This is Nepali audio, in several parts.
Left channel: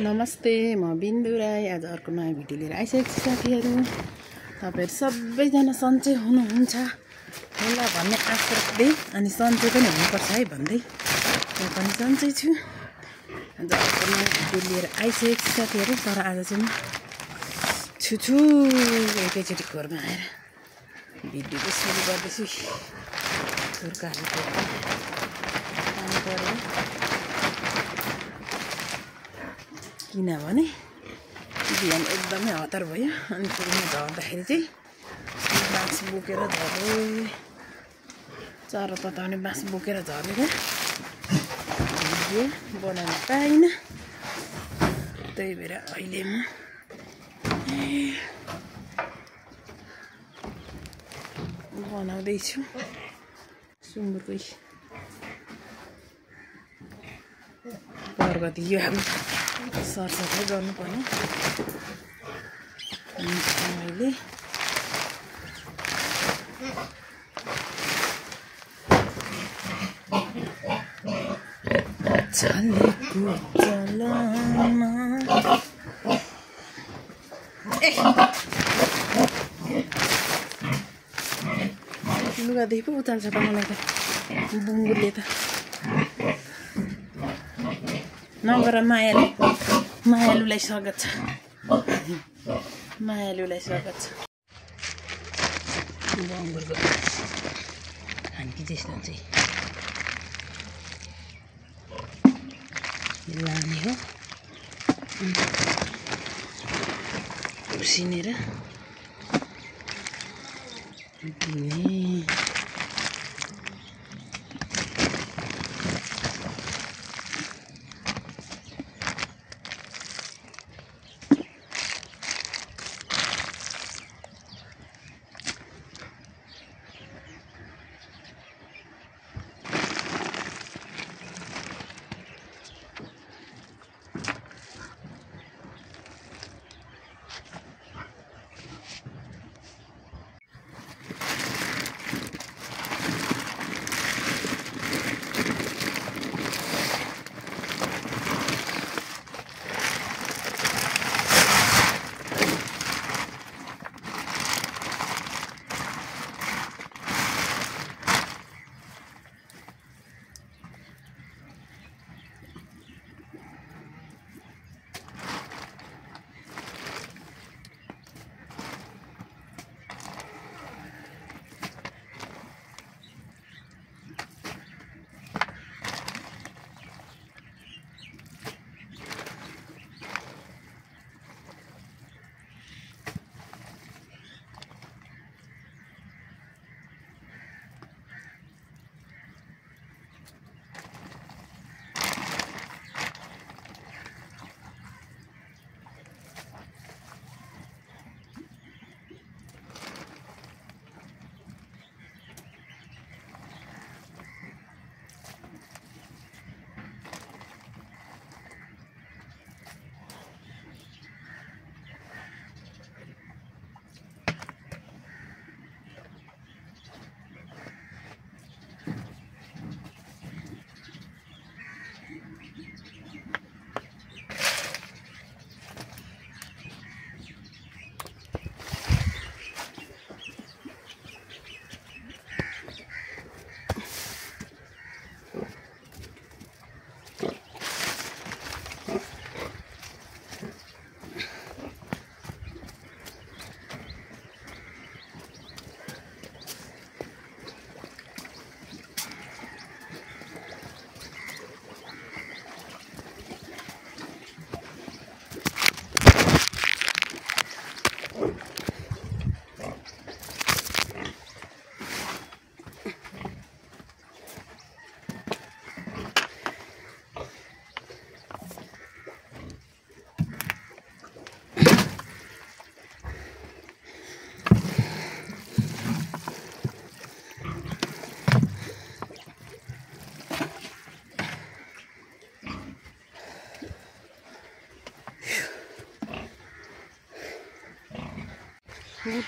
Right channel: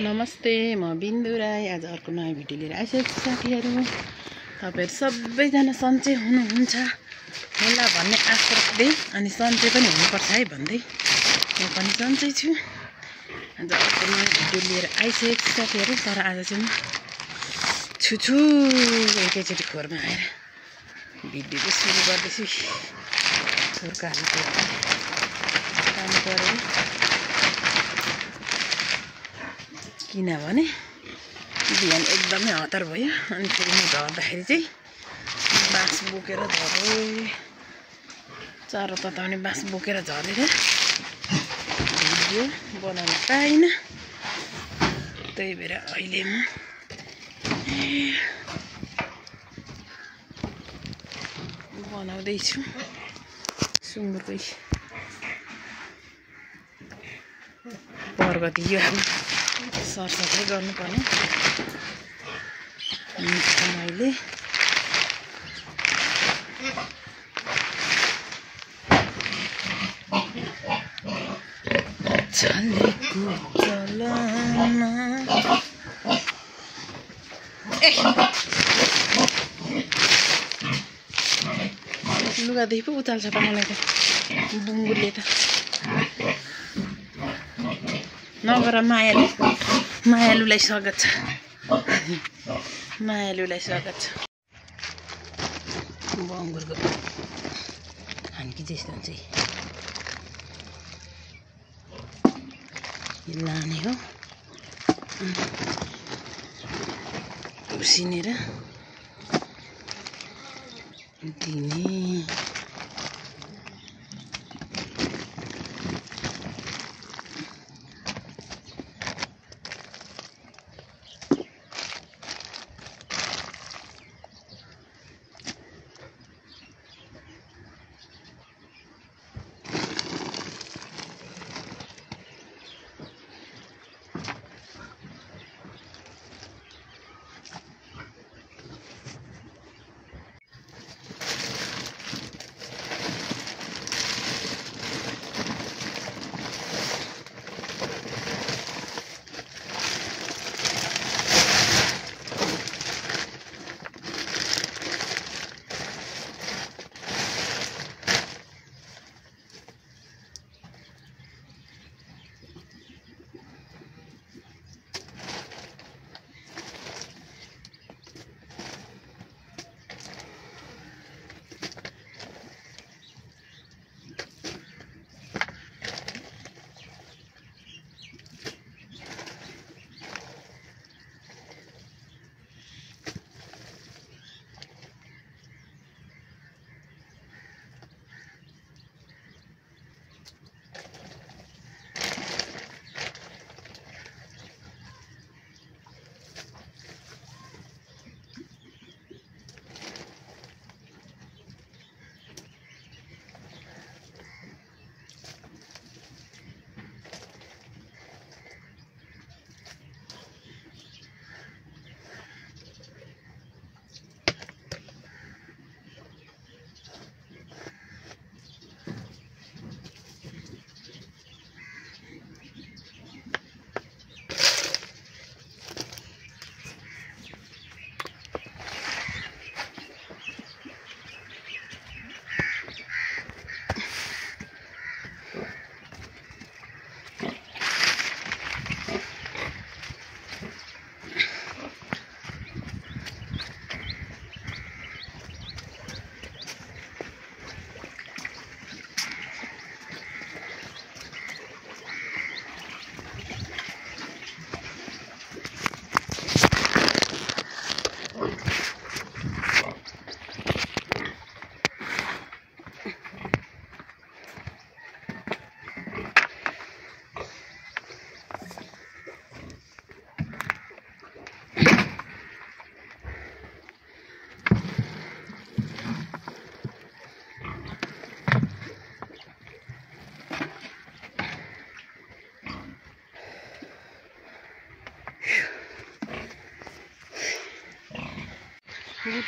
नमस्ते, म बिन्दु राई। आज अर्को नयाँ भिडियो लिएर आइसकेको छु साथीहरू। तपाईहरु सबैजना सन्चै हुनुहुन्छ होला भन्ने आशा राख्दै अनि सन्चै पनि हुनुपर्छ है भन्दै म पनि सन्चै छु। आज अर्को नयाँ भिडियो लिएर आइसकेको छु साथीहरू। तर आज चाहिँ म छु एकैचोटि खोरमा आएर भिडियो चाहिँ सुरु गर्दैछु। किनभने बिहान एकदमै हतार भयो अनि फेरि म झर्दाखेरि चाहिँ बाँस बोकेर झर्दै चारो तताउने बाँस बोकेर झरेर भिडियो बनाउन पाइनँ। त्यही भएर अहिले म बनाउँदैछु सुँगुरकै प्रगति यो अब सरसफाइ गर्नुपर्ने। मैले चलेको चलन लुगादेखि पो उचाल्छ त मलाई त बुङ्गुरले त। नगर मायालुलाई स्वागत छ, मायालुलाई स्वागत छ। बङ्गुरको खान्की त्यस्तो चाहिँ लाने हो उसिनेर दिने।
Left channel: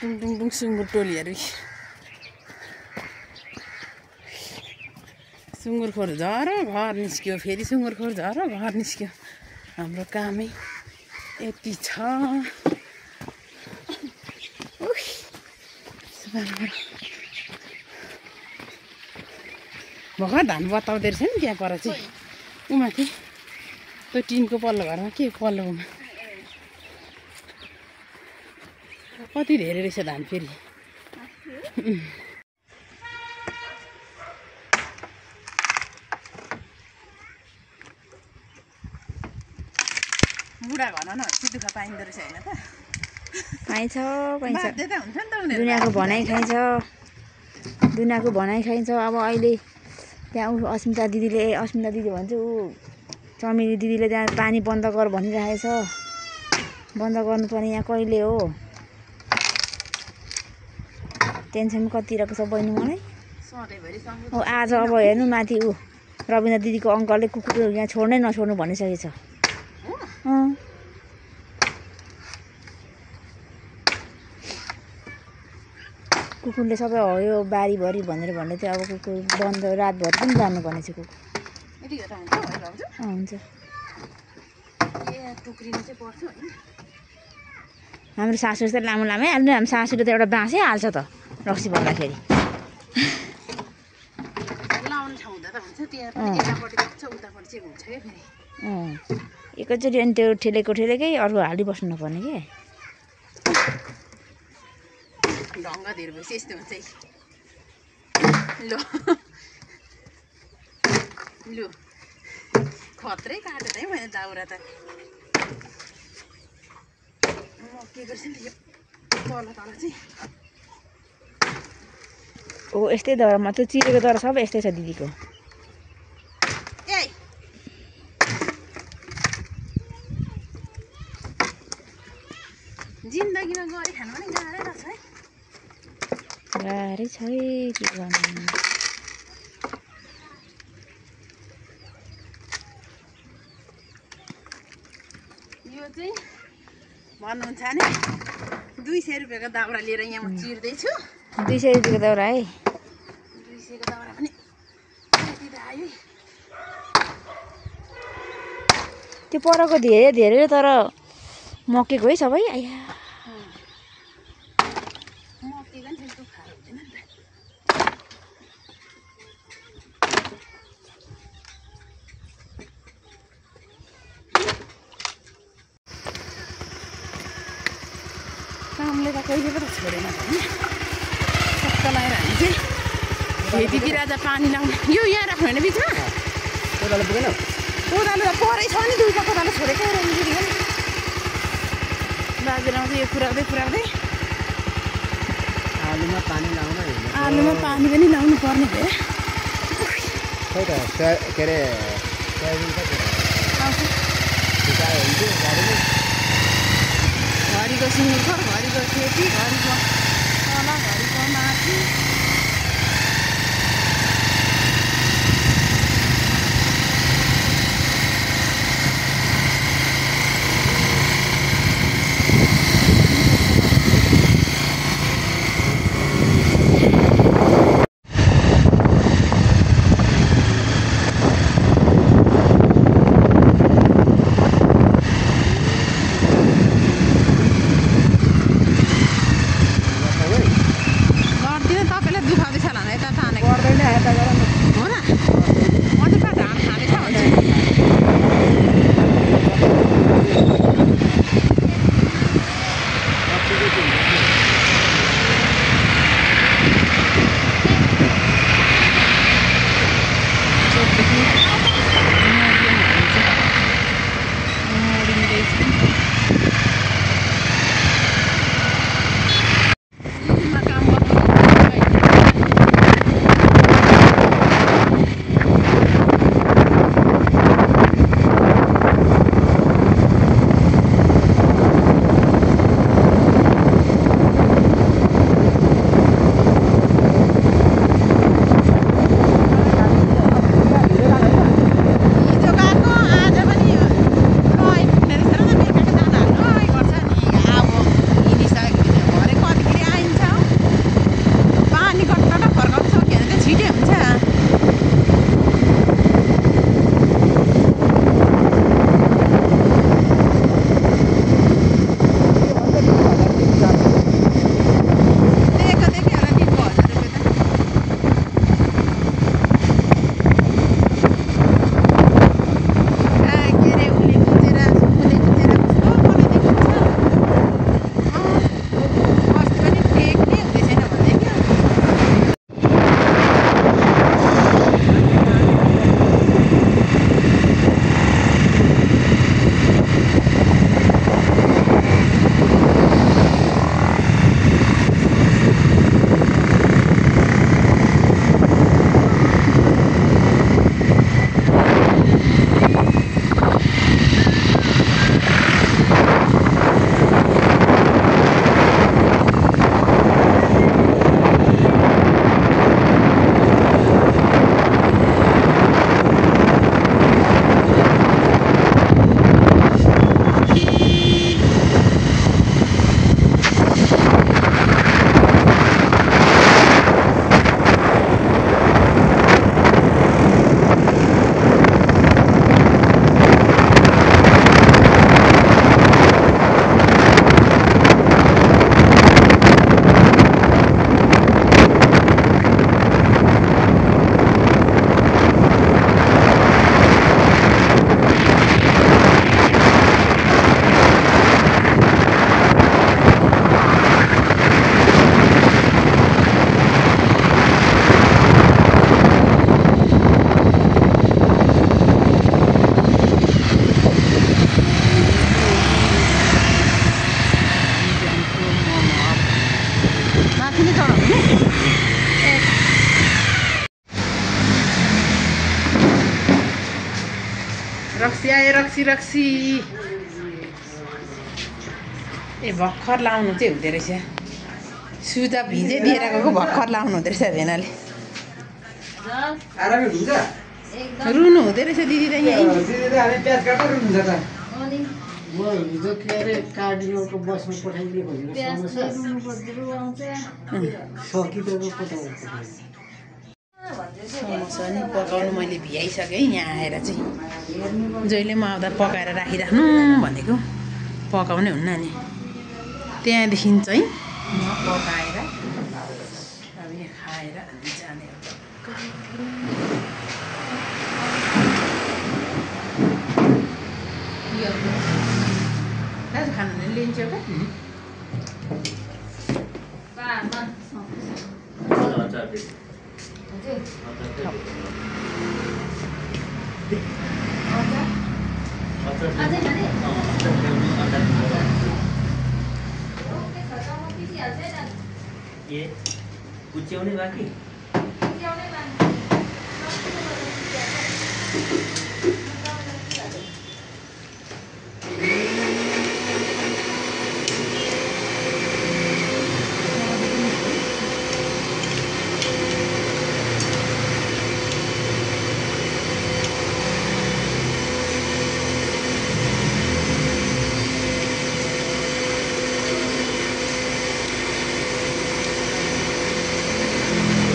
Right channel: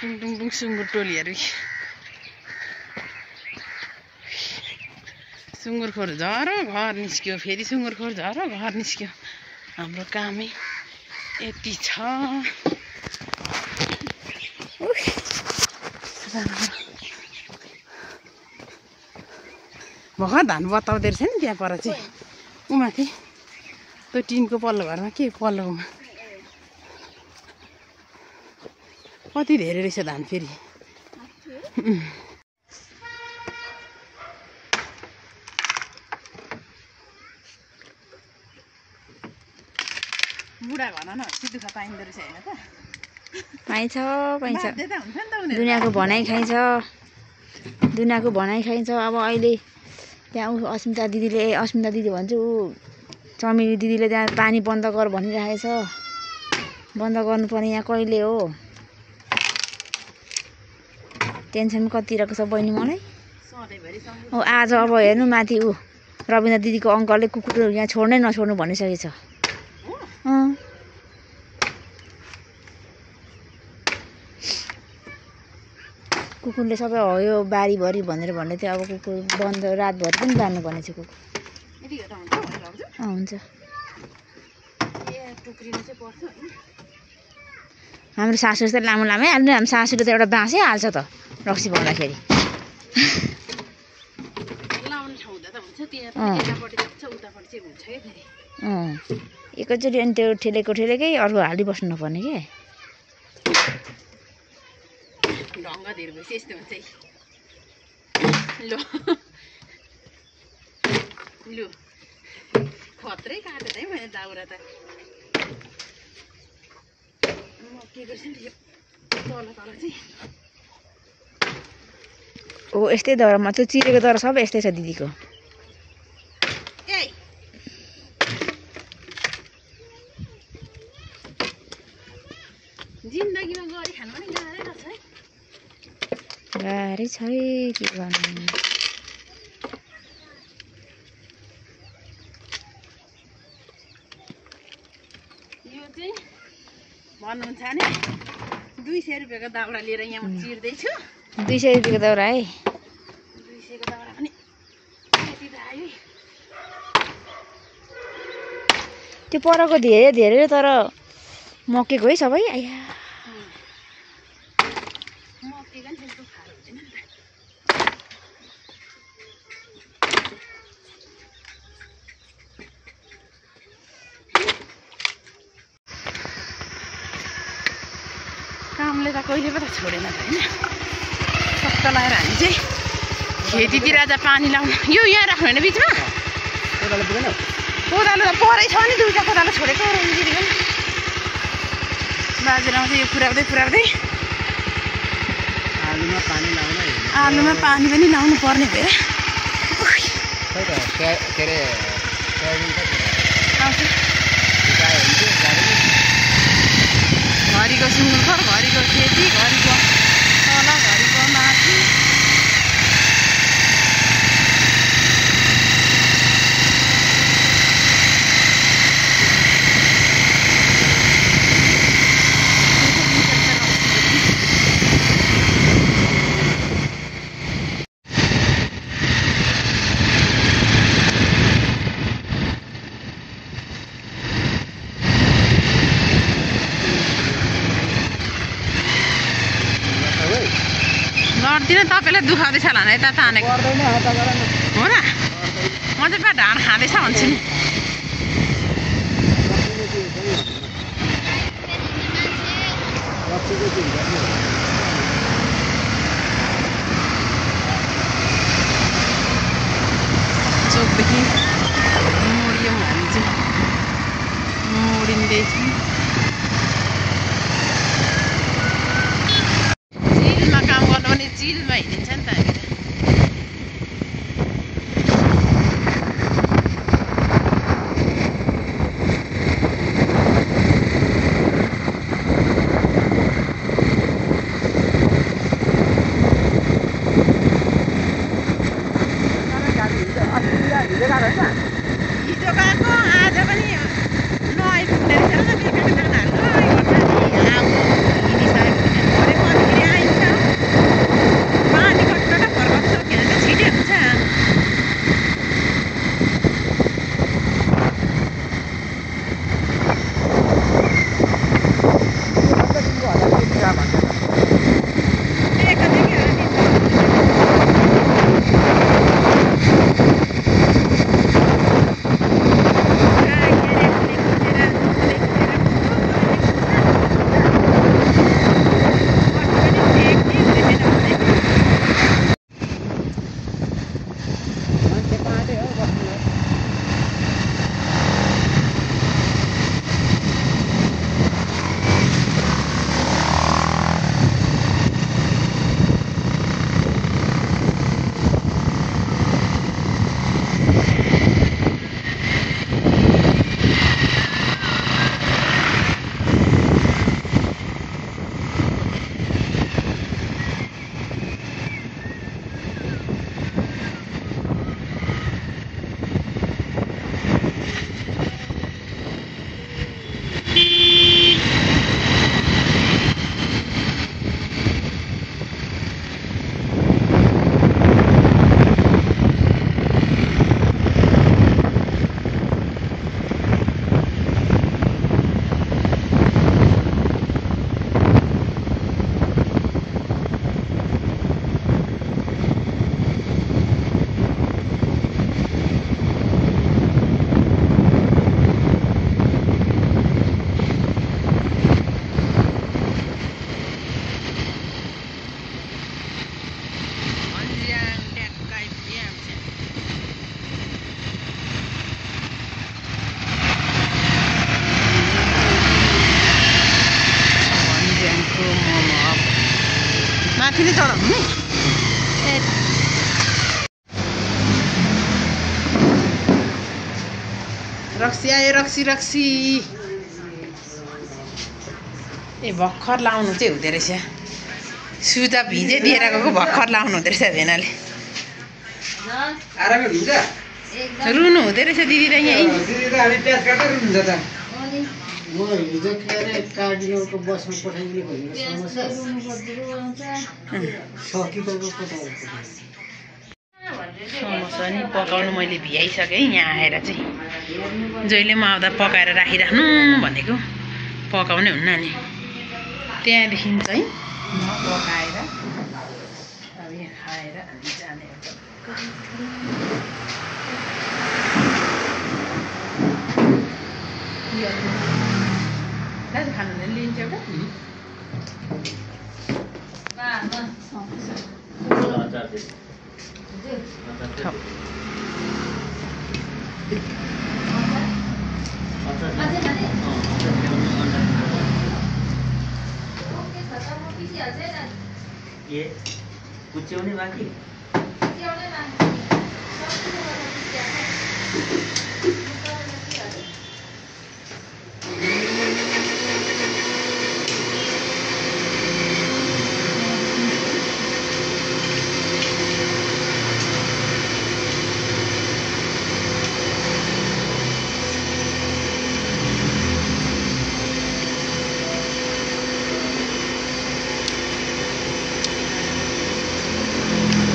टुङ सुँगुर टोलीहरू सुँगुरखोर झर घर निस्क्यो, फेरि सुँगुरखोर झर घर निस्क्यो। हाम्रो कामै यति छ। भर्खर धान बताउँदै रहेछ नि त्यहाँ पर चाहिँ ऊ माथि त्यो टिनको पल्लो घरमा के पल्लोमा कति धेरै रहेछ धान फेरि। बुढा घरमा नभएपछि दुःख पाइँदो रहेछ होइन त? पाइन्छ पाइन्छ, बाध्यता हुन्छ नि त उनीहरू। दुनियाँको भनाइ खाइन्छ, दुनियाँको भनाइ खाइन्छ। अब अहिले त्यहाँ अस्मिता दिदी भन्छ ऊ चमेली दिदीले त्यहाँ पानी बन्द गर भनिरहेछ। बन्द गर्नुपर्ने यहाँ कहिले हो? टेन्सन कति रहेको छ बहिनी मलाई। हो आज अब हेर्नु माथि ऊ रविन्द्र दिदीको अङ्कलले कुकुर यहाँ छोड्नै नछोड्नु भनिसकेछ। कुकुरले सबै हो यो बारीभरि भनेर भन्दै थियो। अब कुकुर बन्द रातभरि पनि जानुपर्ने छ कुकुर। हुन्छ। हाम्रो सासू चाहिँ लामो लामै हाल्नु। हाम्रो सासूले त एउटा बाँसै हाल्छ त रक्सी भन्दाखेरि। एकैचोटि अनि त्यो ठेलेकै अर्को हालिबस्नु नपर्ने के। ढङ्ग धेरै भएपछि यस्तो हुन्छ है। लु खत्रै काट्यो त है मैले दाउरा त। म के गर्छु नि यो तल चाहिँ ओ यस्तै दौरामा त्यो चिरेको दौरा सब यस्तै छ दिदीको। जिन्दगीमा गरी खानु पनि गाह्रै रहेछ है। गाह्रै छ है के गर्नु। यो चाहिँ भन्नुहुन्छ नि 200 रुपियाँको दाउरा लिएर यहाँ म चिर्दैछु। 200 रुपियाँको दाउरा है। 200 को दाउरा पनि यति त आयो। त्यो परको धेरै तर मकेको है सबै। आया मकेको नि त्यस्तो खारो हुँदैन नि त। कामले त कहिले पो त छोडेन त होइन। सत्ता लगाएर हामी चाहिँ खेतीतिर आज पानी लाउनु। यो यहाँ राख्नु होइन बिचमा। कोदालो त परै छ नि, 2टा कोदालो छोडेको दिदी पनि। बाजेर आउँछ यो पुऱ्याउँदै आलुमा पानी पनि लाउनु पर्ने भयो। घरिको सुँगुर, घरिको खेती, घरिको खोला, घरिको माथि। लड्दिनँ तपाईँलाई दुखाउँदैछ होला यता तानेको हो र। म चाहिँ पा ढाड खाँदैछ भन्छु नि। चोकदेखि मोडियौँ हामी चाहिँ मोडिँदैछ। जिलमा काम गर्नु भने जिलमा हिँडेको हिजो गएको आज पनि नआइपुग्ने रहेछ र त मेरो रक्सी आयो रक्सी रक्सी ए भर्खर लाउनु चाहिँ हुँदो रहेछ सुता भिजै दिएर गएको भर्खर लाउनु हुँदो रहेछ भेनाले रुनु हुँदो रहेछ दिदी त यहीँ समोसा नि पकाउनु मैले भ्याइसकेँ यहाँ आएर चाहिँ जहिले म आउँदा पकाएर राखिराख्नु भनेको पकाउने हुन्न नि त्यहाँदेखि चाहिँ म पकाएर अब यहाँ खाएर अनि जाने हो दाजु खानु लिन्छ एउटा ये कुच्च्याउने बाँकी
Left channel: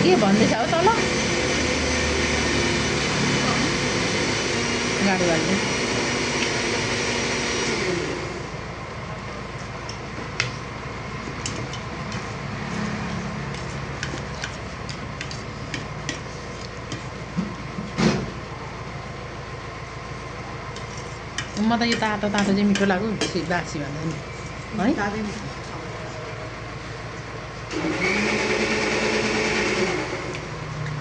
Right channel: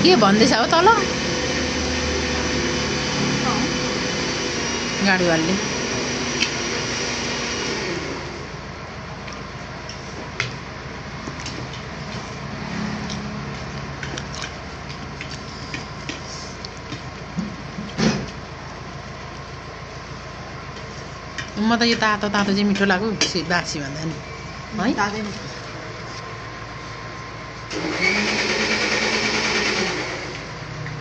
के भन्दैछ हो तल गाडीवालले म त यो तातो तातो चाहिँ मिठो लाग्यो बासी भन्दा नि है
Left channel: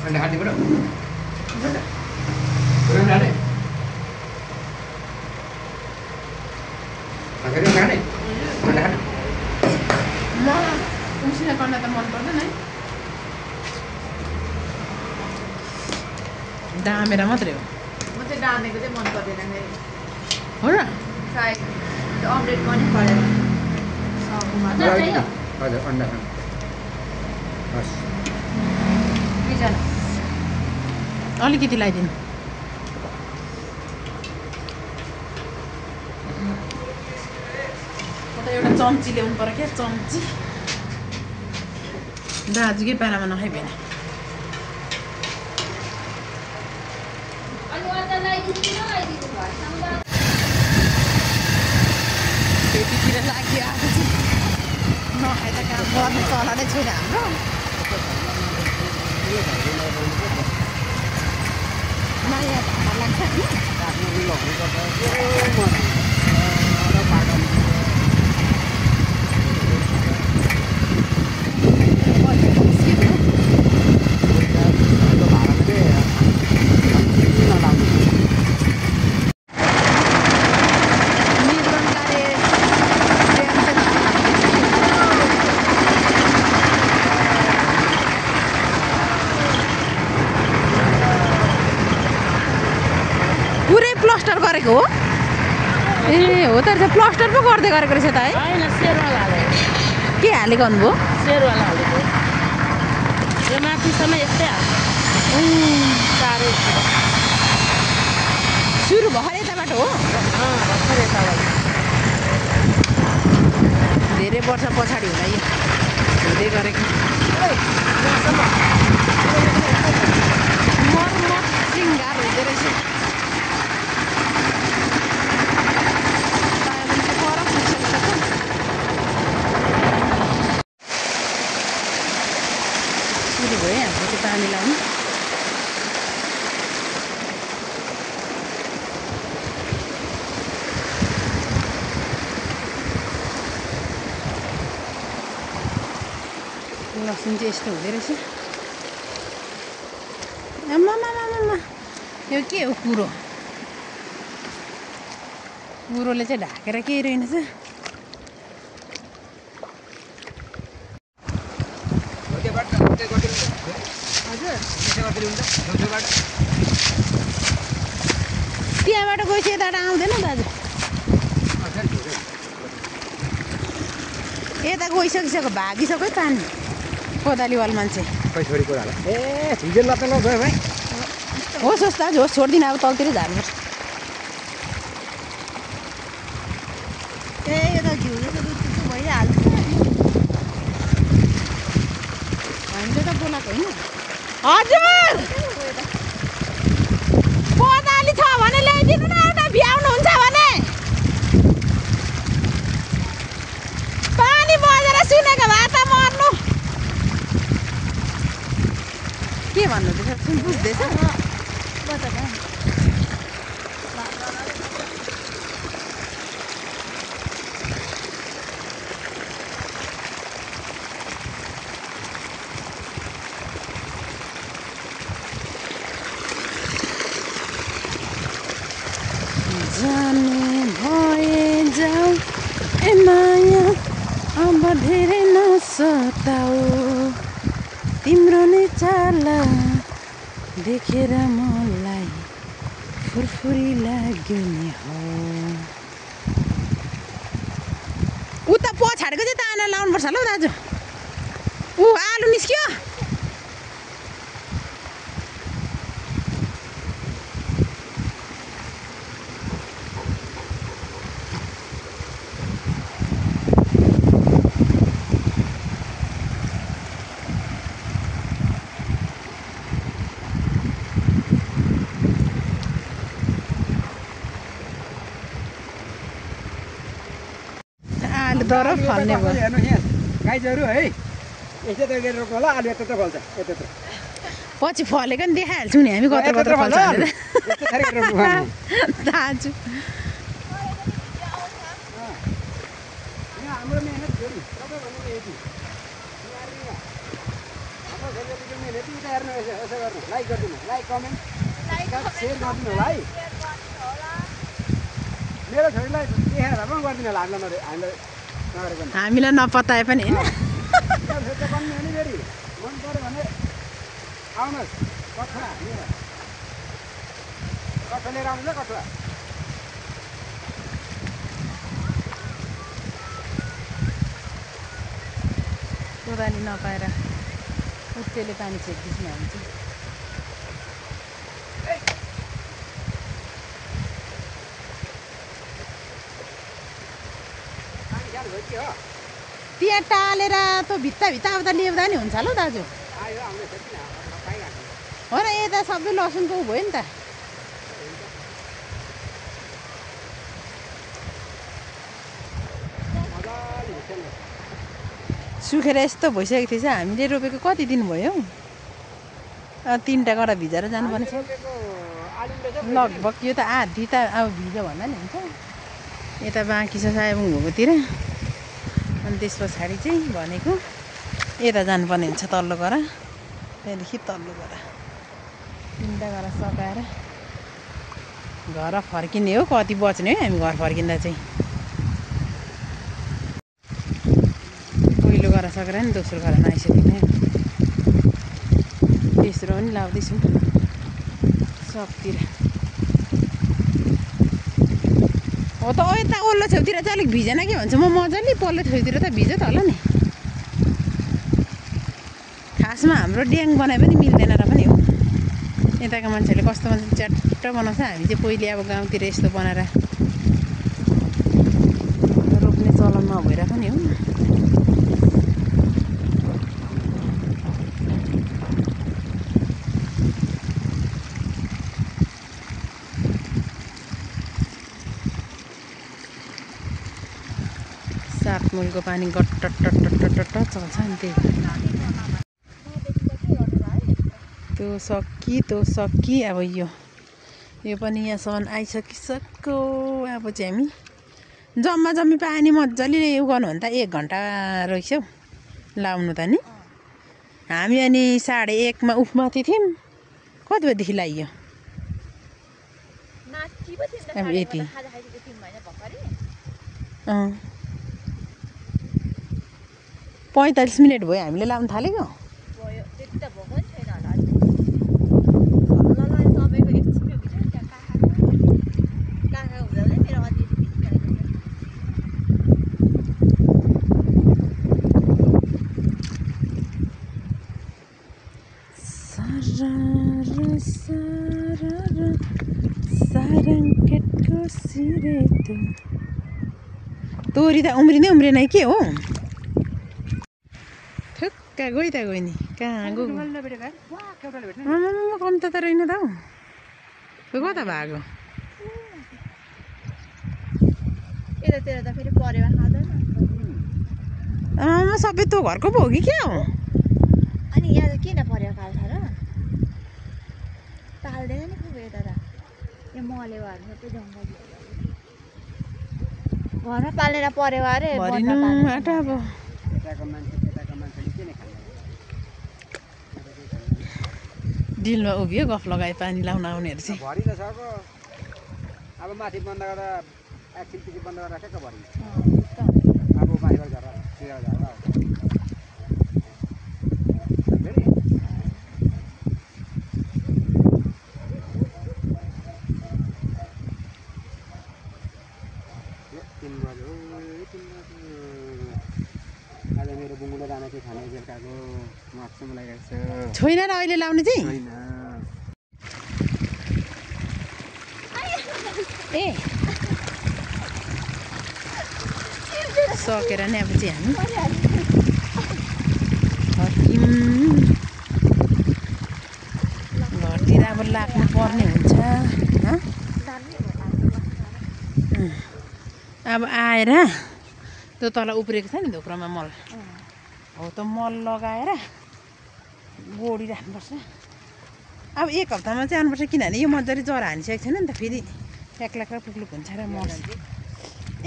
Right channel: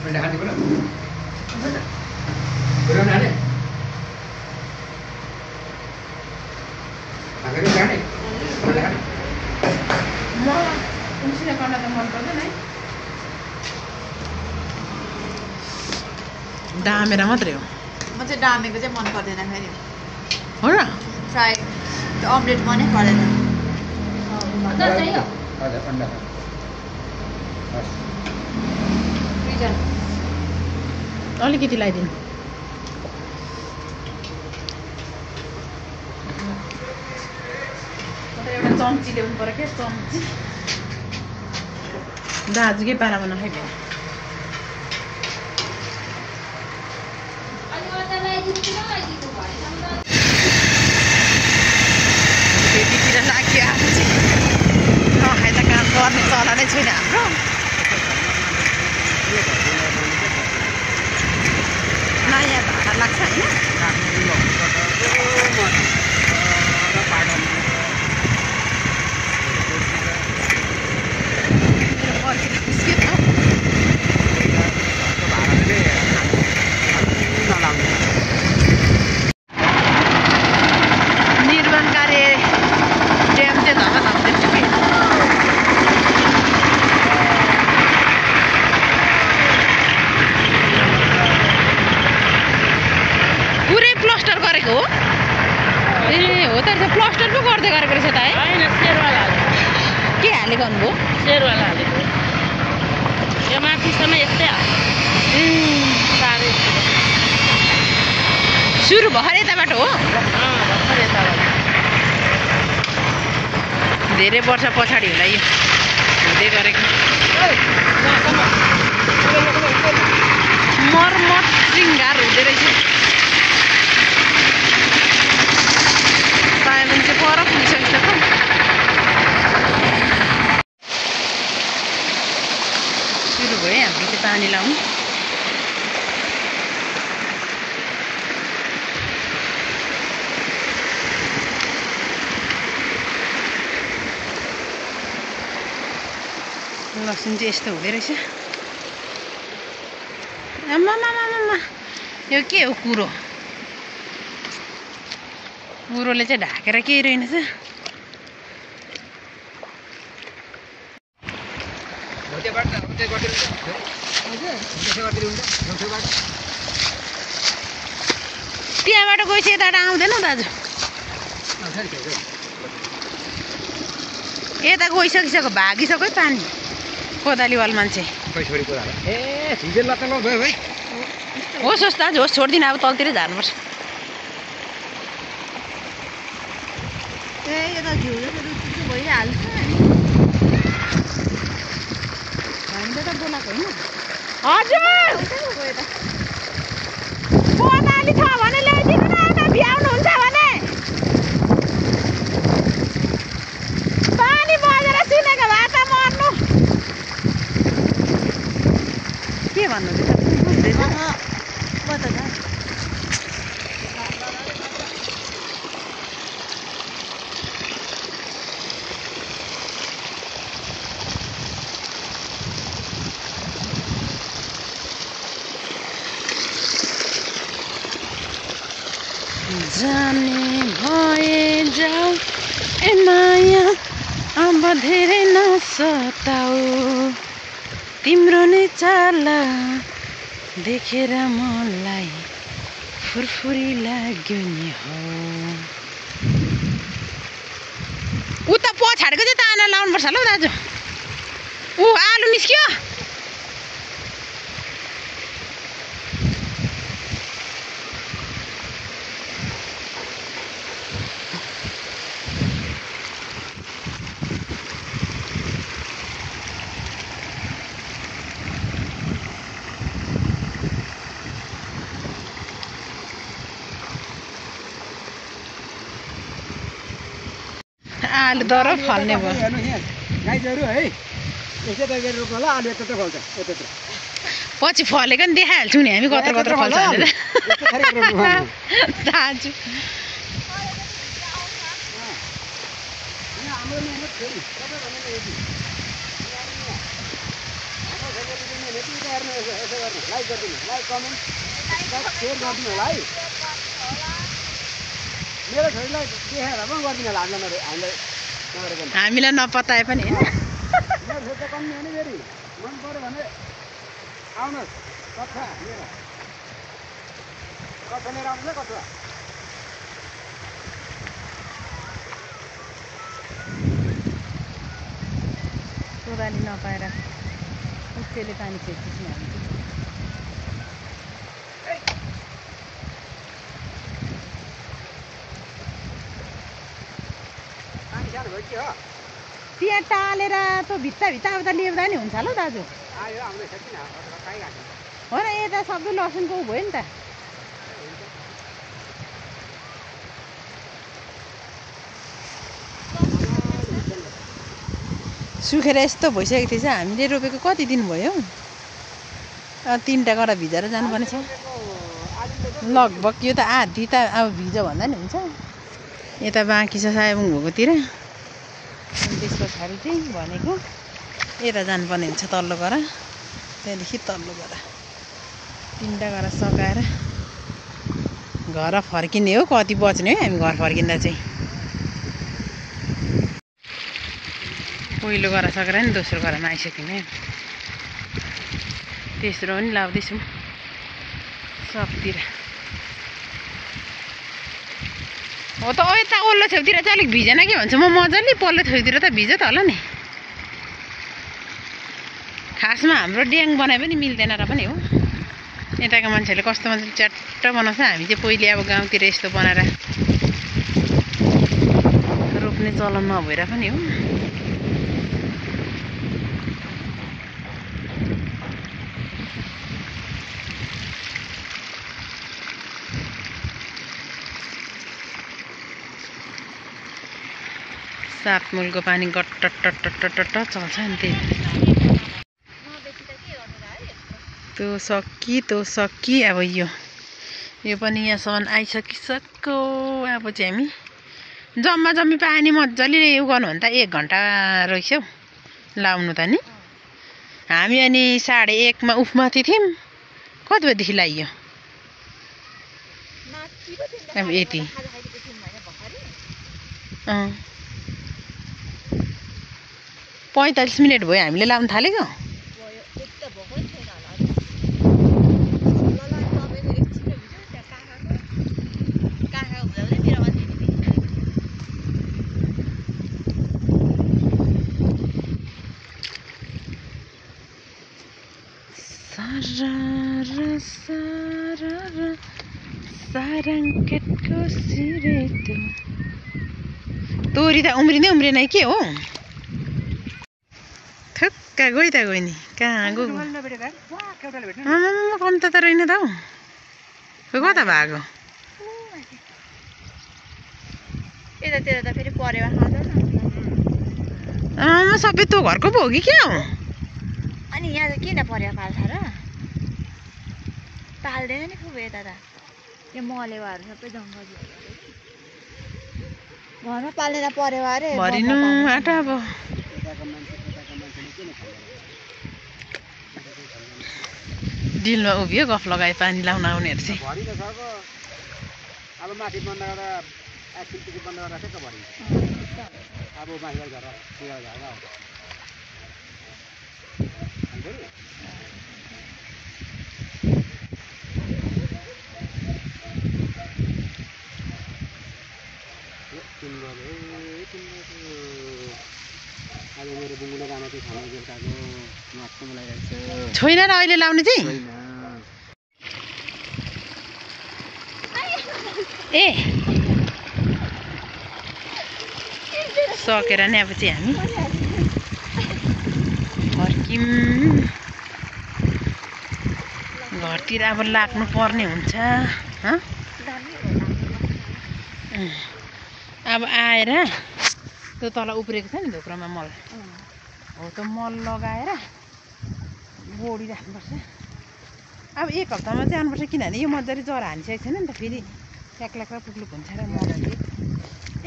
Anda hati bro. Akhirnya kan nih. Anda hati. म उसिना गर्न त मन पर्दैन है डामेर मात्रै हो म चाहिँ डामेको चाहिँ मन पर्दैन फेरि हो र फ्राई अमलेट मनै परेन Ada anda. Mas. अलिकति लगाइदिनु एउटा चम्ची ल्याउनु पर्यो क्या चम्ची दाजुकै पारामा नखाइभयो त्यतितिर लाग्यो आफू चाहिँ नखाइ त काम गर्नु चला नै छैन हाम्रो नयाँ धागा लाग्छ निर्माण कार्य ड्याम चाहिँ धमा लाउँदैछ कि पुरै प्लास्टर गरेको हो ए हो त रहेछ प्लास्टर पो गर्दै गरेको रहेछ त है के हालेको भन्नुभयो शेरवाला हालेको यो माथिसम्म यस्तै ए साह्रै सुरु भर्खर यताबाट हो भर्खर यताबाट धेरै वर्ष पछाडि होला यो हुँदै गरेको मर्मत शृङ्गार हुँदो रहेछ सायबन चाहिँ पर पुगिसकेको छ सुरु भयो हाम्रो चाहिँ पानी लाउनु लसुन चाहिँ यस्तो हुँदो रहेछ आम्मा यो के हो कुरो कुरोले चाहिँ ढाकेर केही रहेनछ त्यहाँबाट गएपछि यताबाट आउँदैन दाजु यता गइसकिसक्यो भागिसक्यो पानी कोदालीवाल मान्छे होस् होस् दाजु होस् छोडिदिनु अब तलतिरै झार्नुपर्छ ए यो त घिउ जस्तो रुचि भइहाल्छ हामीले त बोलाएको होइन हजुर कोदाली छ भने ल्याइदिनु न यता भ्याउनुहुन्छ भने पानी बजेर सुनेको भए त मर्नु के भन्नुहुँदैछ बुझ्दैछ जाने भए जाऊ ए माया अब धेरै नसताऊ तिम्रो नै चाला देखेर मलाई फुरफुरी लाग्यो नि हो उता पछाडिको चाहिँ ताना लाउनुपर्छ ल दाजु ऊ आलु निस्क्यो आलु दर फल्ने भयो गाईहरू है यस्तै गरेर रोप्नु होला आलु यता फल्छ यता पछि फलेको नि देखाइहाल्छौँ नि हामी कत्रो कत्रो फल्छ भनेर दाजु हाम्रो मेहनत फेरि सबैभन्दा यति हाम्रो फेरि मेहनत यति हेर्नु यसो गर्नु लाइक गरिदिनु लाइक कमेन्ट सेयर गरिदिनु होला है मेरो छोरीलाई देखाएर पनि गरिदिनु होला हामीलाई नपताए पनि होइन मन पर्यो भने आउनुहोस् कथा लिएर आउनु न कथा कोदाली नपाएर उत्तेले पानी छेक्दैछौँ हामी चाहिँ त्यहाँ टालेर त भित्ता अब त ल्याउँदा नि हुन्छ ल दाजु हो र यता सबै लसुनको उ भयो नि त सुखेर यस्तो भइसकेको थिएछ हामीले रोपेको कति दिन भयो 3टा गरा भिजेर जानुपर्ने छ लगभग यो त आधी त अब भिज्यो भन्दा नि हुन्छ यता बाँकी छ सायबुङ भएकोतिर अनि त्यस पछाडि चाहिँ भनेको यता जानुपर्ने हुन्छ तल्लो गरा त्यहाँदेखि तल्लो गरा 3टा गरा सकाएर घर फर्किने हो कति बज्ने हो हामी घर फर्किँदा चाहिँ पहिलो गरा सकेर नि दोस्रो गरामा आइसक्यौँ तेस्रो पनि लाउँदैछौँ सबतिर हो त यता ओल्लो छेउतिर चाहिँ अलिक भिजेन के भन्छ म मजाले पल्लो छेउतिर त भिज्यो त होला नि खासमा हाम्रो ड्याङ बनाए पनि मिल्दैन र पनि हो यताको मान्छेहरूले कस्तो मजाले च्याट्ट बनाउँछ हामी चाहिँ पहिले अब गाउँतिर यस्तो बनाएर रोप्ने चलन नभएर पनि हो सातमुलको पानी गट्ट चल्छ नि त्यही त्यो सक्की अब यो पनि यहाँसम्म आइसकिसक्यो अब चाहिँ हामी जम्मी पानी मजाले उयो गर्नु भने त 1 घन्टा रहेछ हौ लाउनु त नि हामी अनि 1:30 मा उफमाथि थियौँ कति बजीदेखि लाग्यो अब यति 45 मिनट भयो हामीले लाउन थालेको ब्ल्याङ्केटको सिरेटो तोरी त उम्रिँदै उम्रिएन के हो थुक्का गइ त गयो नि कहाँ गयो कम त रहेन त हौ कता भएको यतातिर त फेरि परेवा खाँदैन सबै तँ घरको पो हो कि क्या हो अनि यहाँ त किन परेवा पाल्छ र पाल्दैन नि खुब यता त यो मलेवाहरू सबै जङ्गली घरमा पाल्ने त परेवा अरे भरिनु आँटा अब डिलमा उभियो गफ लगाए पानी लाउन आउनेहरू चाहिँ भरिन सक्यो अब माथि बन्द गरेर एकछिनपछि बन्द गरेर ठ्याक्क भरिन्छ अब माथिबाट झरेर पुरा झरेर आउँछ आज मेरो बुङ्गुले राना चाहिँ खाना बेलुकाको मासुमा लगाइरहेको छ छैन र अहिले लाउने चाहिँ ए सकेर नि अब चाहिँ हामी फर्कियौँ घरतिर अब लाग्नु पर्ने हुन्छ अब आएर त्यो तल उब्रेको छ नि धोक्रोमा मल हो त्यो मल लगाएर गोडी राख्नुपर्छ अब एक हप्तामा चाहिँ आउनुपर्छ किनभने यो मजाले जरा हानिसकेको छैन नि त फेरि ट्याक्लाक्क पुग्लुक हुन्छ र मल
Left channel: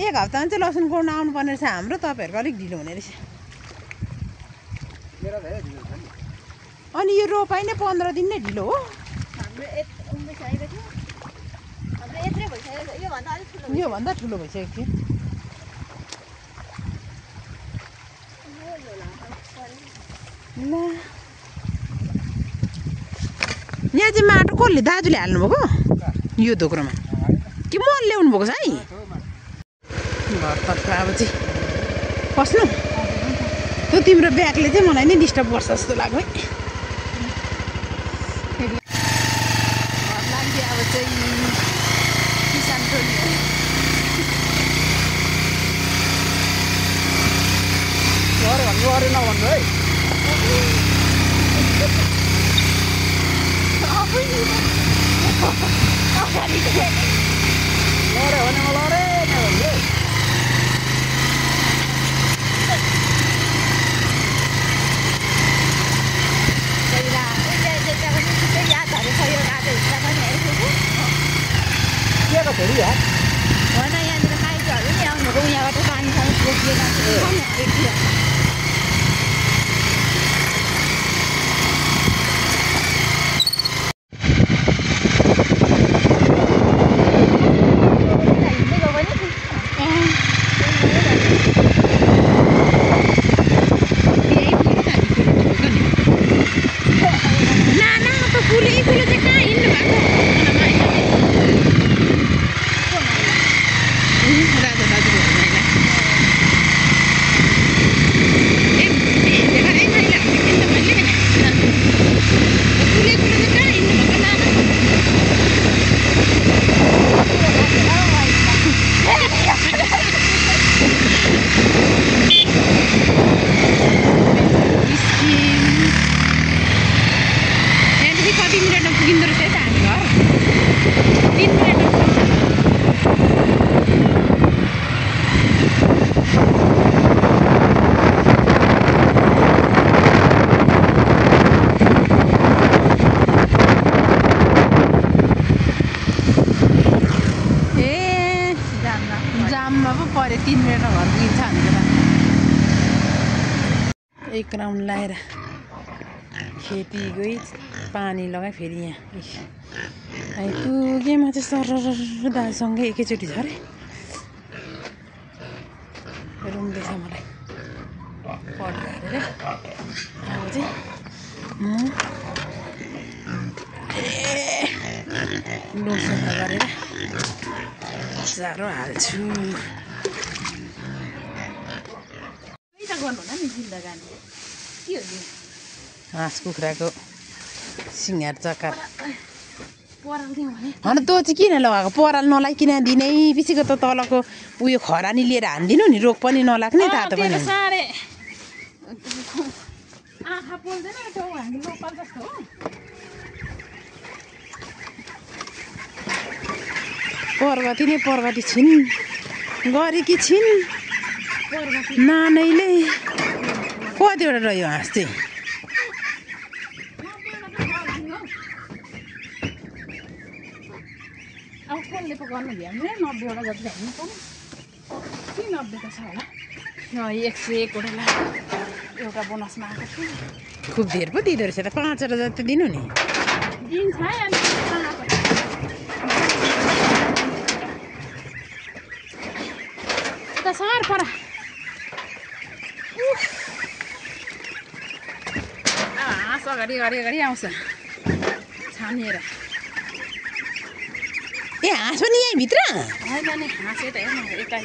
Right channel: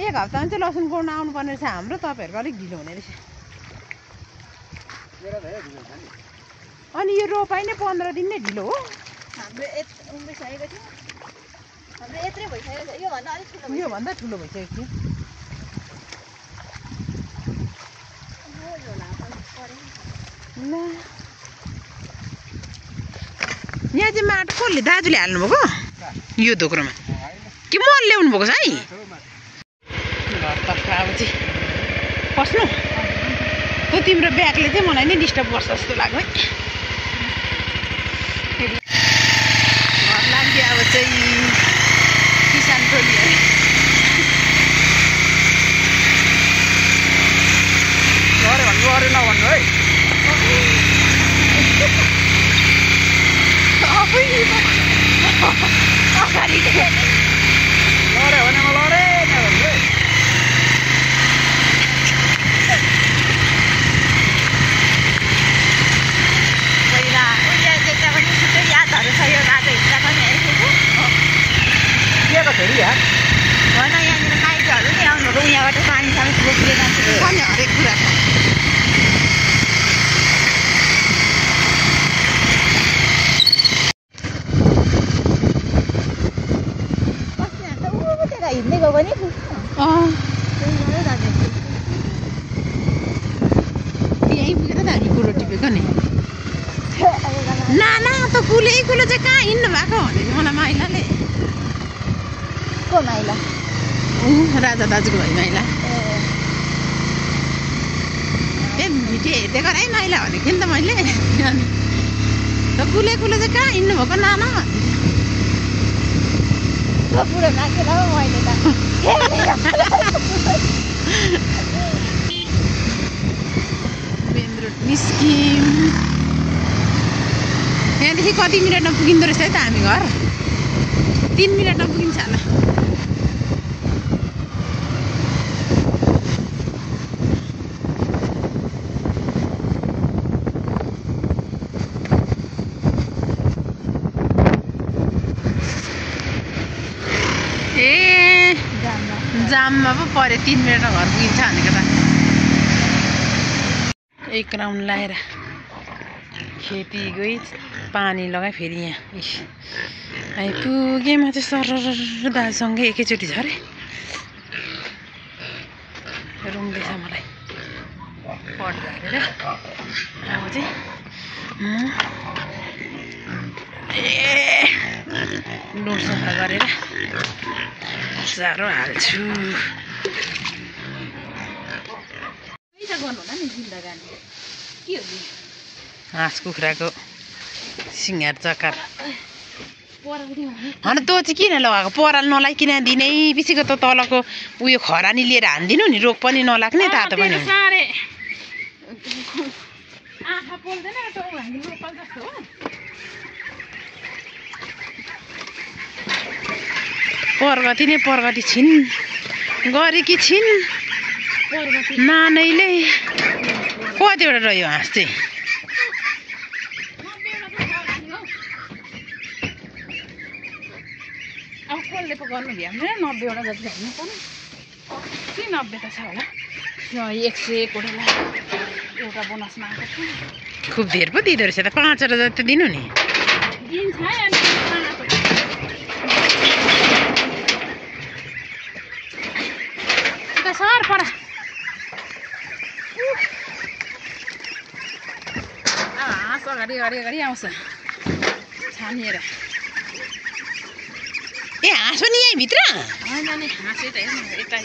एक हप्तामा चाहिँ लसुन गोड्न आउनुपर्ने रहेछ हाम्रो तपाईँहरूको अलिक ढिलो हुने रहेछ अनि यो रोपाइ नै 15 दिन नै ढिलो हो योभन्दा ठुलो भइसकेको थियो ल यहाँ चाहिँ माटो कसले दाजुले हाल्नुभएको यो धोक्रोमा कि मल ल्याउनु भएको छ है घरतर्फ अब चाहिँ पस्नु त्यो तिम्रो ब्यागले चाहिँ मलाई नै डिस्टर्ब गर्छ जस्तो लाग्यो है लाग्यो अब चाहिँ किसान टोली है गरे नभन्नु है अगाडि लरे भने म लरे नभन्नु है पहिला उहिले देख्दा पनि छुट्टै यादहरू छ यो बाटो हिँड्दा पनि हेरेको के को छोरी या होइन यहाँनिर माइतीहरू नि आउनुभएको यहाँबाट पानी सानी बोकिएर जान्छ हरेक कुरा कुलो चाहिँ कहाँ हिँड्नु भएको मलाई माइला राजा दाजुको घर माइला घरै माइला हो कि त मैले कुले चाहिँ कहाँ हिँड्नु भएको नाना यहाँदेखि कति मिनटमा पुगिँदो रहेछ है त हामी घर 3 मिनटमा पुगिन्छ होला ए जाममा पो पऱ्यो 3 मिनटमा घर पुगिन्छ भनेको त एक राउन्ड लाएर खेती गई पानी लगाएँ फेरि यहाँ आइपुगेँ म चाहिँ सर दाजुसँगै एकैचोटि झरेँ रुङ्दैछ मलाई पट झारेर अब चाहिँ म डोर सफा गरेर चारो हाल्छु गर्नु होला नि जिन्दगानी के हो हाँस कुखुराको सिँगार चकार होइन तँ चाहिँ किन लगाएको पराल नलाइकन दिनै पछिको त तलको उयो खरानी लिएर हानिदिनु नि रोग पनि नलाग्ने तातो पनि हुने। आँखा पोल्दैन हामी लोकल जस्तो हो। प्रगति नै प्रगति छिन् गरेकी छिन् नानैले। कतिवटा रह्यो हाँस चाहिँ अब कसले पो गर्नु भ्याउने 90वटा जति हाल्नु पर्ने के 90 त छ होला 101 वटा एउटा बोनसमा आएको थियो। खुब धेर पो दिँदो रहेछ त 5वटा जति दिनु नि। दिन्छ सर परा हाँस अगाडि आउँछ छानिएर। ए हाँस पनि यहीँभित्र होइन नि हाँस यता हेर्नु यता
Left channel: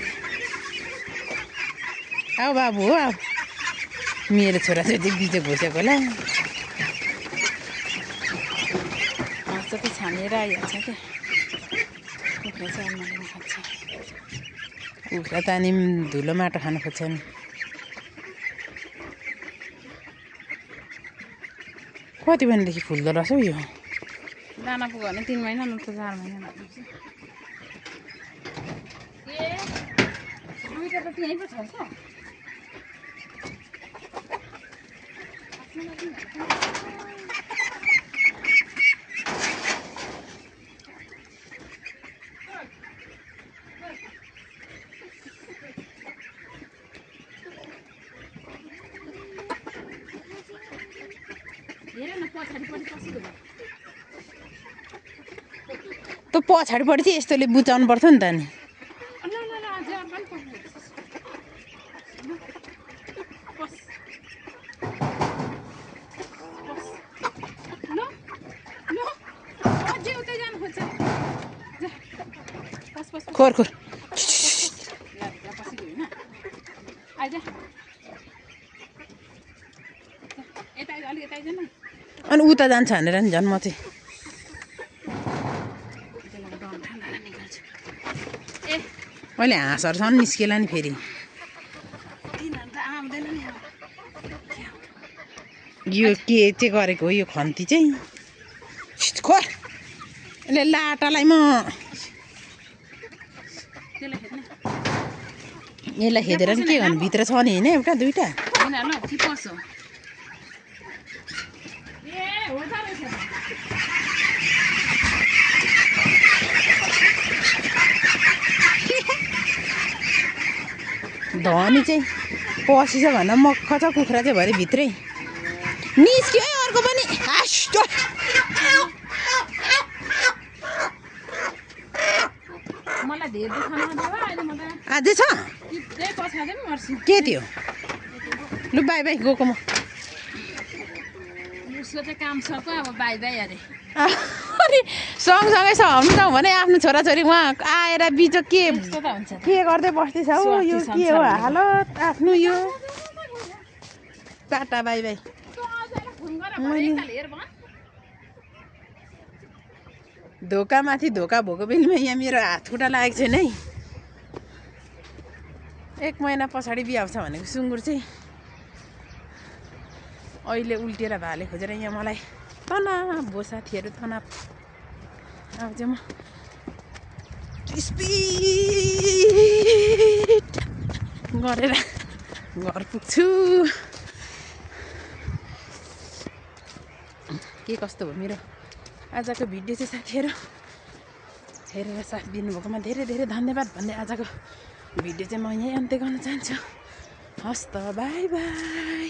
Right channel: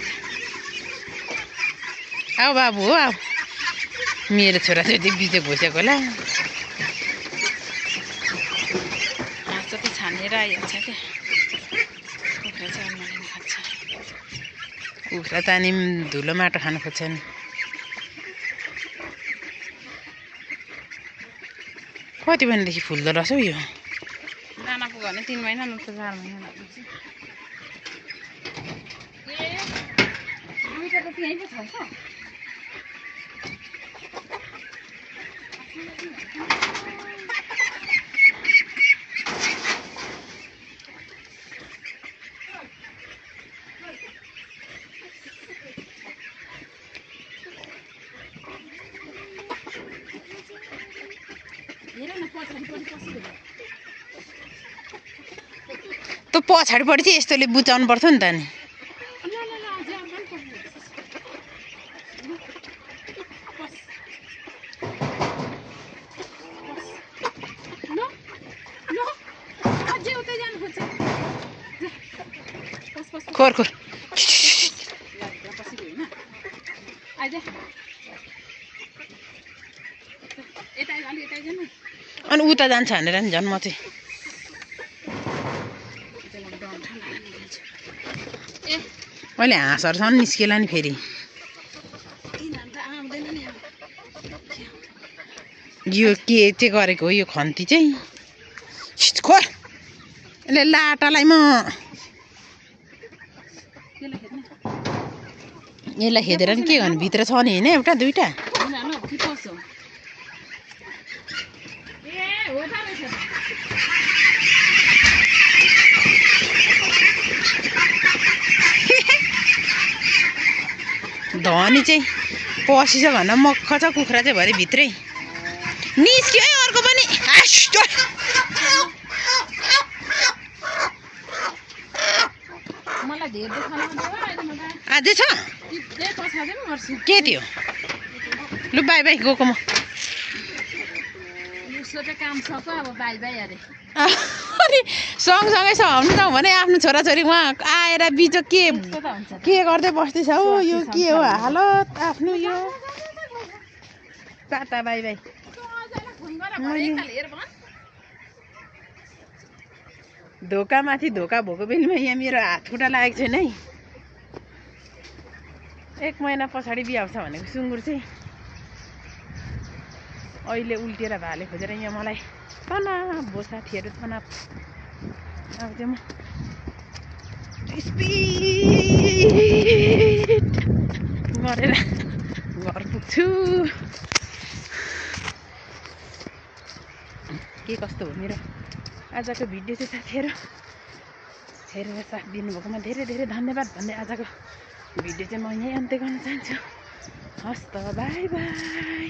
आऊ बाबु हो आऊ मेरो छोराछोरी बिजो घोसेको होला। हाँस चाहिँ छानिएर आइहाल्छ क्या कुखुरा चाहिँ अलमारीमा खान्छ। कुखुरा त अनि धुलो माटो खानु खोज्छन्। कति महिनादेखि फुल्दो रहेछ हौ यो दाना पुग्यो भने 3 महिना न त 4 महिना लाग्छ। ए दुईटा त त्यहीँ पो छ त। त पछाडिपट्टि चाहिँ यस्तोले बुझाउनु पर्छ नि त नि। खोर खोर अनि उता जान्छ भनेर नि झन् म चाहिँ अहिले हाँसहरूसँग निस्केला नि फेरि यो के चाहिँ गरेको हो यो खन्ती चाहिँ खोर यसले लाटालाई म यसलाई खेदेर नि के गर्नु भित्र छ नि होइन एउटा दुईटा धनी चाहिँ पसिछ भन्दा मक्ख छ कुखुरा चाहिँ भरे भित्रै निस्क्यो है अर्को पनि अझै छ के थियो लु बाई बाई गएको म काम सक्यो अब बाई बाई अरे अनि सँगसँगै सहनु त भने आफ्नो छोराछोरी उहाँ आएर बिजो के गर्दै बस्दैछ हौ यो के हो हालत आफ्नो यो टाटा बाई बाई। मैले धोकामाथि धोका भएको बेलामा यहाँ मेरो हात खुट्टा लागेको छैन है। 1 महिना पछाडि बिहा हुन्छ भनेको सुँगुर चाहिँ अहिले उल्टिएर भाले खोजेर यहाँ मलाई तनाव भो साथीहरू तनाव। अब चाहिँ म स्पिड गरेर घर पुग्छु। के कस्तो भयो मेरो आजको भिडियो चाहिँ साथीहरू हेरेर साथ दिनुभएकोमा धेरै धेरै धन्यवाद भन्दै आजको भिडियो चाहिँ म यहीँ अन्त्य गर्न चाहन्छु। हस् त बाई बाई।